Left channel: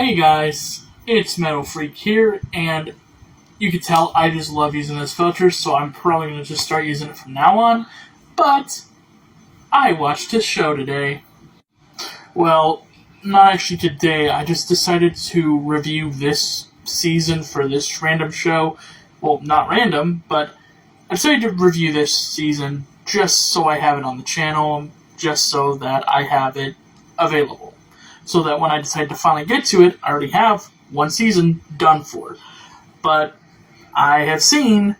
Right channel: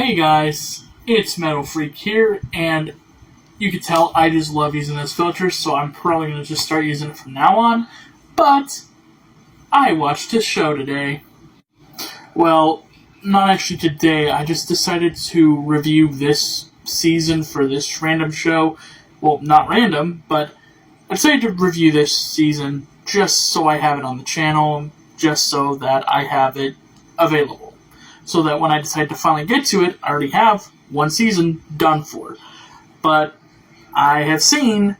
Hey guys, it's Metal Freak here, and you can tell I just love using this filter, so I'm probably going to just start using it from now on, but I watched a show today. Well, not actually today, I just decided to review this season for this random show. Well, not random, but I decided to review this season just so I have it on the channel, just so that I have it available. So that when I decide to finally get to it, I already have one season done for. But I have seen,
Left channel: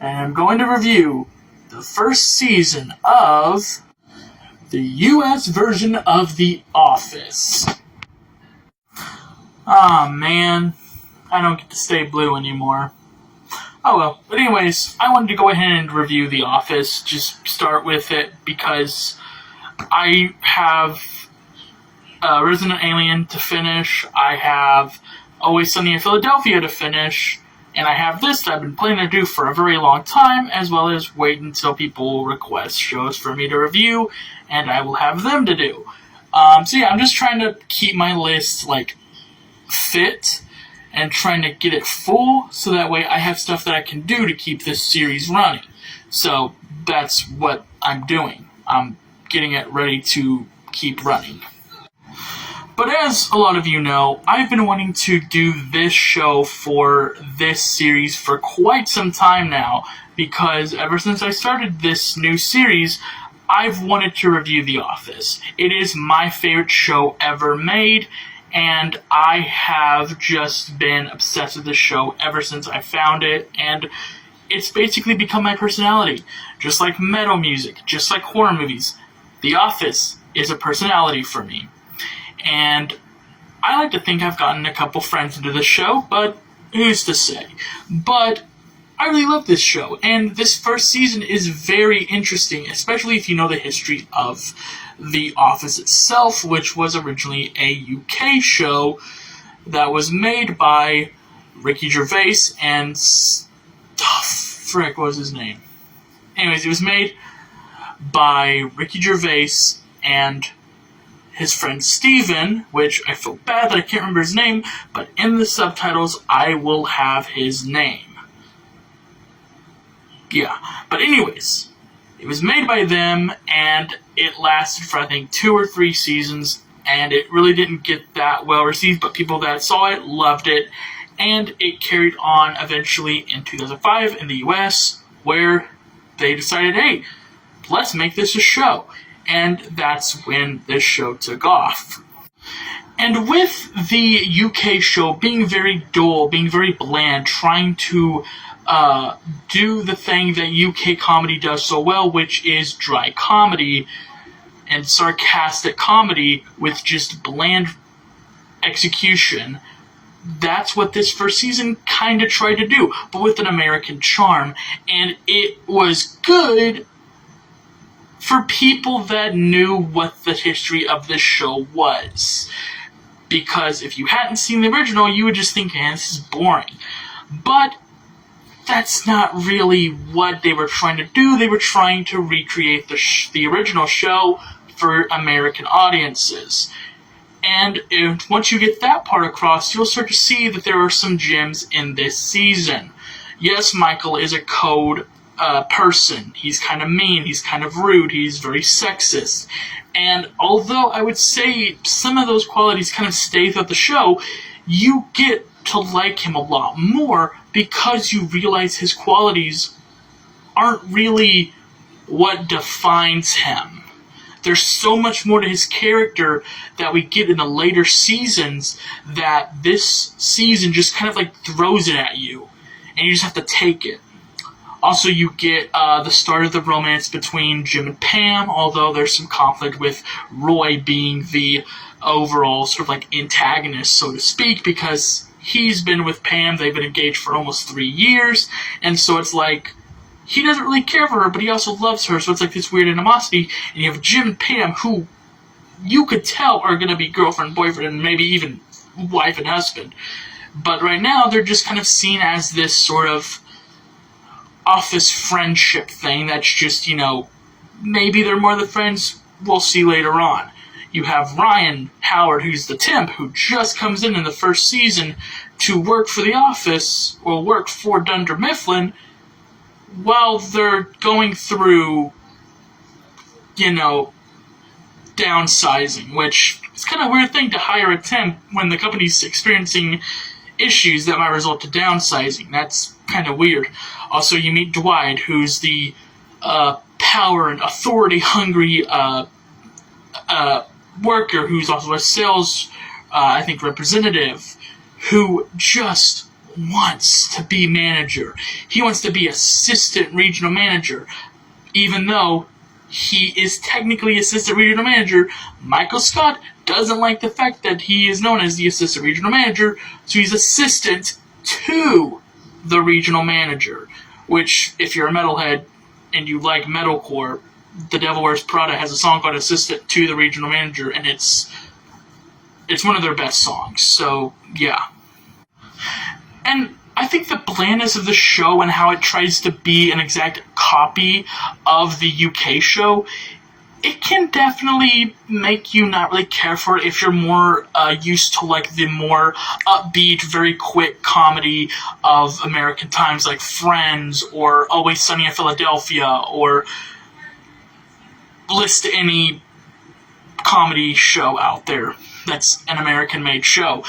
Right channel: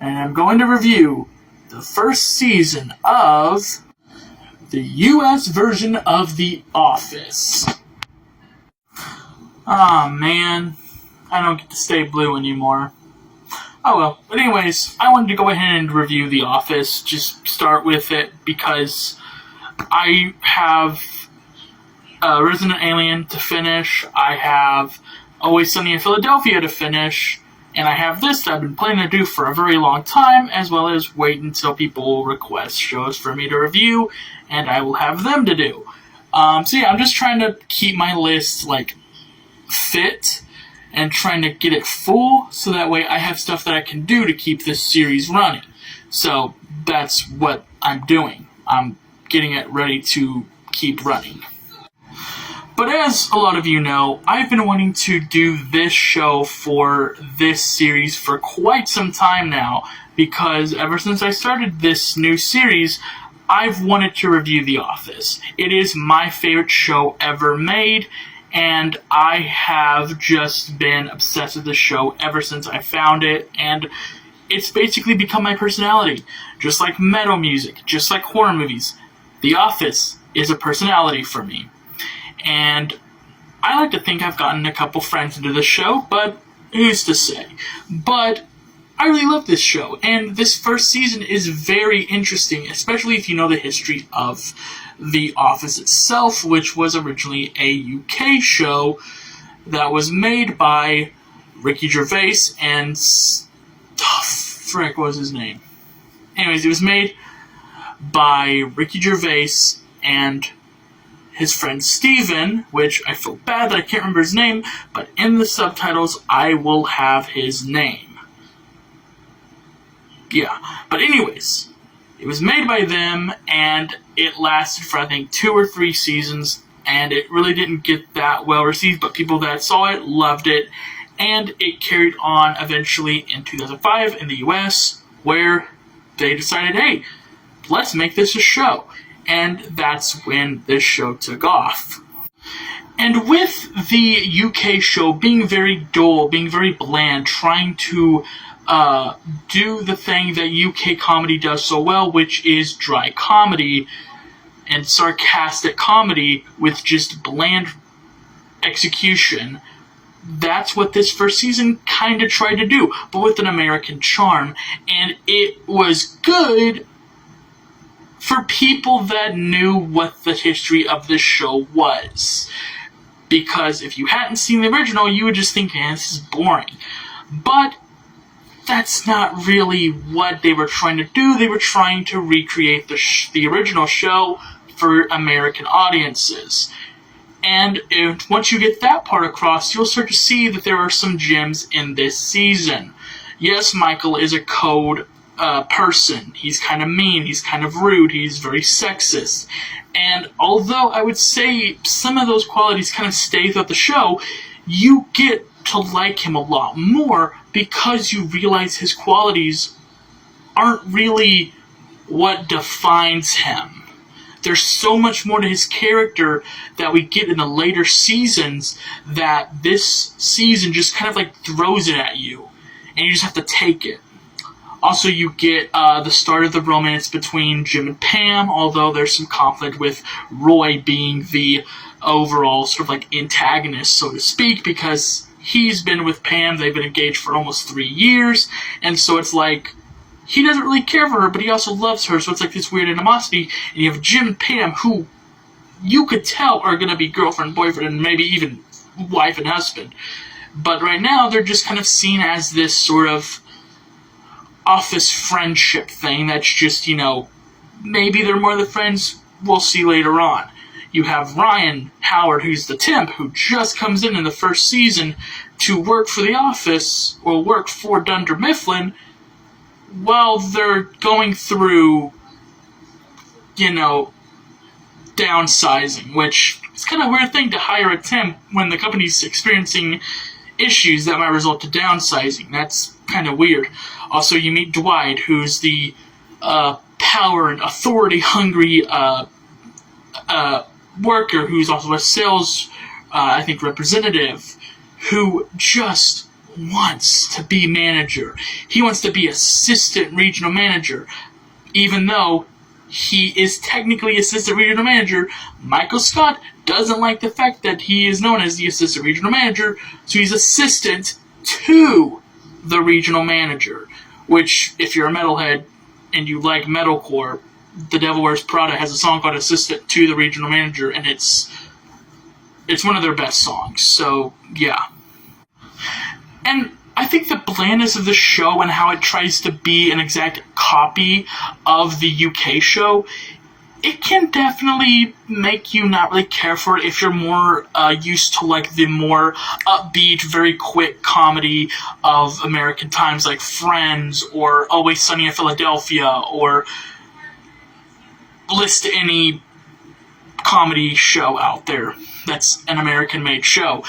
and I'm going to review, the first season of the US version of The Office. Aw, man. I don't get to stay blue anymore. Oh well. But anyways, I wanted to go ahead and review The Office. Just start with it because I have Resident Alien to finish, I have Always Sunny in Philadelphia to finish, and I have this that I've been planning to do for a very long time, as well as wait until people request shows for me to review, and I will have them to do. So yeah, I'm just trying to keep my list, fit, and trying to get it full, so that way I have stuff that I can do to keep this series running. So that's what I'm doing. I'm getting it ready to keep running. But as a lot of you know, I've been wanting to do this show for this series for quite some time now, because ever since I started this new series, I've wanted to review The Office. It is my favorite show ever made, and I have just been obsessed with this show ever since I found it, and it's basically become my personality. Just like metal music, just like horror movies, The Office is a personality for me. And I like to think I've gotten a couple friends into this show, but who's to say? But I really love this show, and this first season is very interesting, especially if you know the history of The Office itself, which was originally a UK show that was made by Ricky Gervais and... what was his name? Anyways, it was made by Ricky Gervais and his friend Steven, which I feel bad that I can't remember his name, but in the subtitles I will have his name. Yeah, but anyways, it was made by them, and it lasted for I think 2 or 3 seasons, and it really didn't get that well received, but people that saw it loved it, and it carried on eventually in 2005 in the US, where they decided, hey, let's make this a show. And that's when this show took off. And with the UK show being very dull, being very bland, trying to do the thing that UK comedy does so well, which is dry comedy and sarcastic comedy with just bland execution, that's what this first season kind of tried to do, but with an American charm. And it was good for people that knew what the history of this show was. Because if you hadn't seen the original, you would just think, man, this is boring. But that's not really what they were trying to do. They were trying to recreate the original show for American audiences. And once you get that part across, you'll start to see that there are some gems in this season. Yes, Michael is a code person. He's kind of mean, he's kind of rude, he's very sexist. And although I would say some of those qualities kind of stay throughout the show, you get to like him a lot more because you realize his qualities aren't really what defines him. There's so much more to his character that we get in the later seasons that this season just kind of throws it at you, and you just have to take it. Also, you get the start of the romance between Jim and Pam, although there's some conflict with Roy being the overall sort of antagonist, so to speak, because he's been with Pam, they've been engaged for almost 3 years, and so it's he doesn't really care for her, but he also loves her, so it's this weird animosity, and you have Jim and Pam, who you could tell are going to be girlfriend, boyfriend, and maybe even wife and husband. But right now, they're just kind of seen as this sort of office friendship thing that's just, maybe they're more than friends, we'll see later on. you have Ryan Howard, who's the temp, who just comes in the first season to work for The Office, or work for Dunder Mifflin, while they're going through, downsizing, which is kind of a weird thing to hire a temp when the company's experiencing issues that might result to downsizing. That's kind of weird. Also, you meet Dwight, who's the power and authority-hungry worker, who's also a sales, representative, who just wants to be manager. He wants to be assistant regional manager, even though he is technically assistant regional manager. Michael Scott doesn't like the fact that he is known as the assistant regional manager, so he's assistant to the regional manager, which, if you're a metalhead and you like metalcore, The Devil Wears Prada has a song called Assistant to the Regional Manager, and it's one of their best songs, so yeah. And I think the blandness of the show and how it tries to be an exact copy of the UK show, it can definitely make you not really care for it if you're more used to the more upbeat, very quick comedy of American times, like Friends or Always Sunny in Philadelphia, or list any comedy show out there that's an American-made show.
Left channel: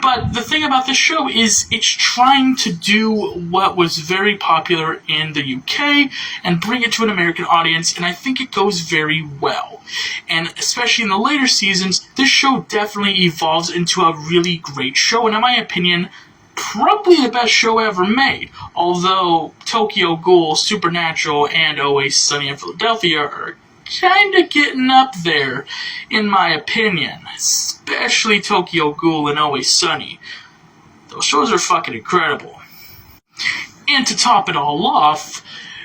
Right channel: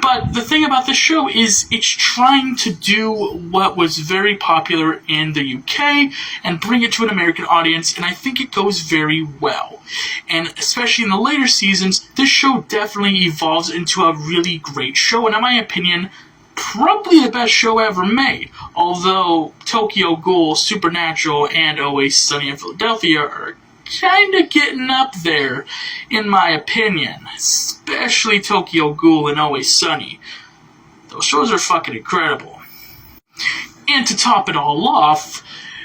But the thing about this show is it's trying to do what was very popular in the UK and bring it to an American audience, and I think it goes very well. And especially in the later seasons, this show definitely evolves into a really great show, and in my opinion, probably the best show ever made. Although Tokyo Ghoul, Supernatural, and Always Sunny in Philadelphia are kinda getting up there, in my opinion. Especially Tokyo Ghoul and Always Sunny. Those shows are fucking incredible. And to top it all off,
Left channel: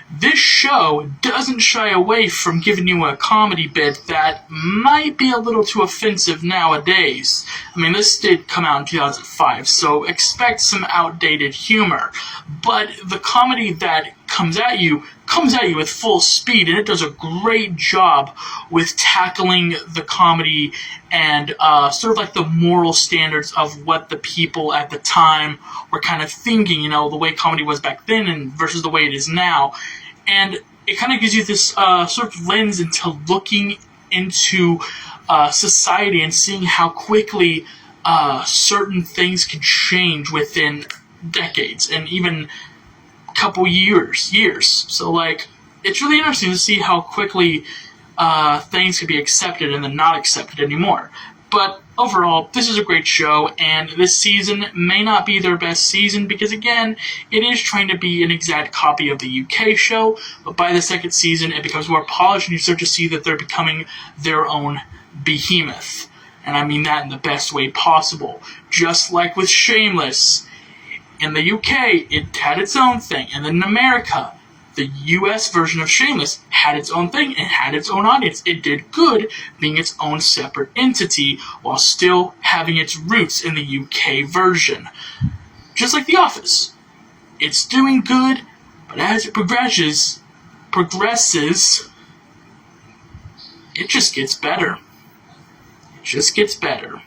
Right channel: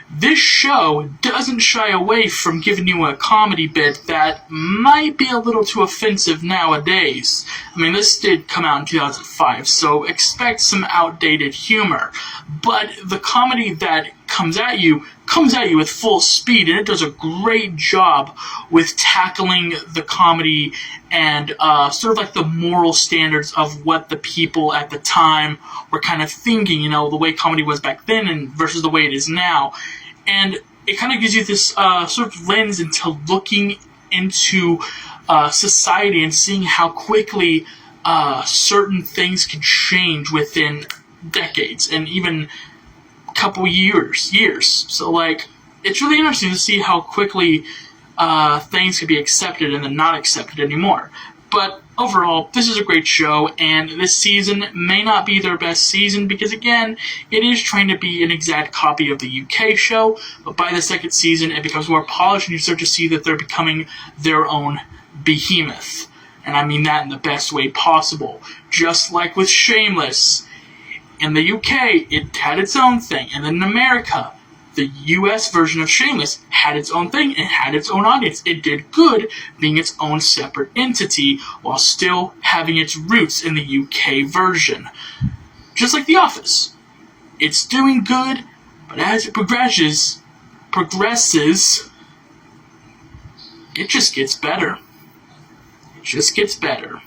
this show doesn't shy away from giving you a comedy bit that might be a little too offensive nowadays. I mean, this did come out in 2005, so expect some outdated humor. But the comedy that comes at you with full speed, and it does a great job with tackling the comedy and sort of the moral standards of what the people at the time were kind of thinking, the way comedy was back then and versus the way it is now. And it kind of gives you this sort of lens into looking into society and seeing how quickly certain things can change within decades and even couple years. So it's really interesting to see how quickly things can be accepted and then not accepted anymore. But overall, this is a great show, and this season may not be their best season because, again, it is trying to be an exact copy of the UK show, but by the second season, it becomes more polished, and you start to see that they're becoming their own behemoth. And I mean that in the best way possible. Just like with Shameless. In the UK, it had its own thing, and then in America, the US version of Shameless had its own thing and had its own audience. It did good being its own separate entity while still having its roots in the UK version. Just like The Office. It's doing good, but as it progresses, it just gets better. It just gets better.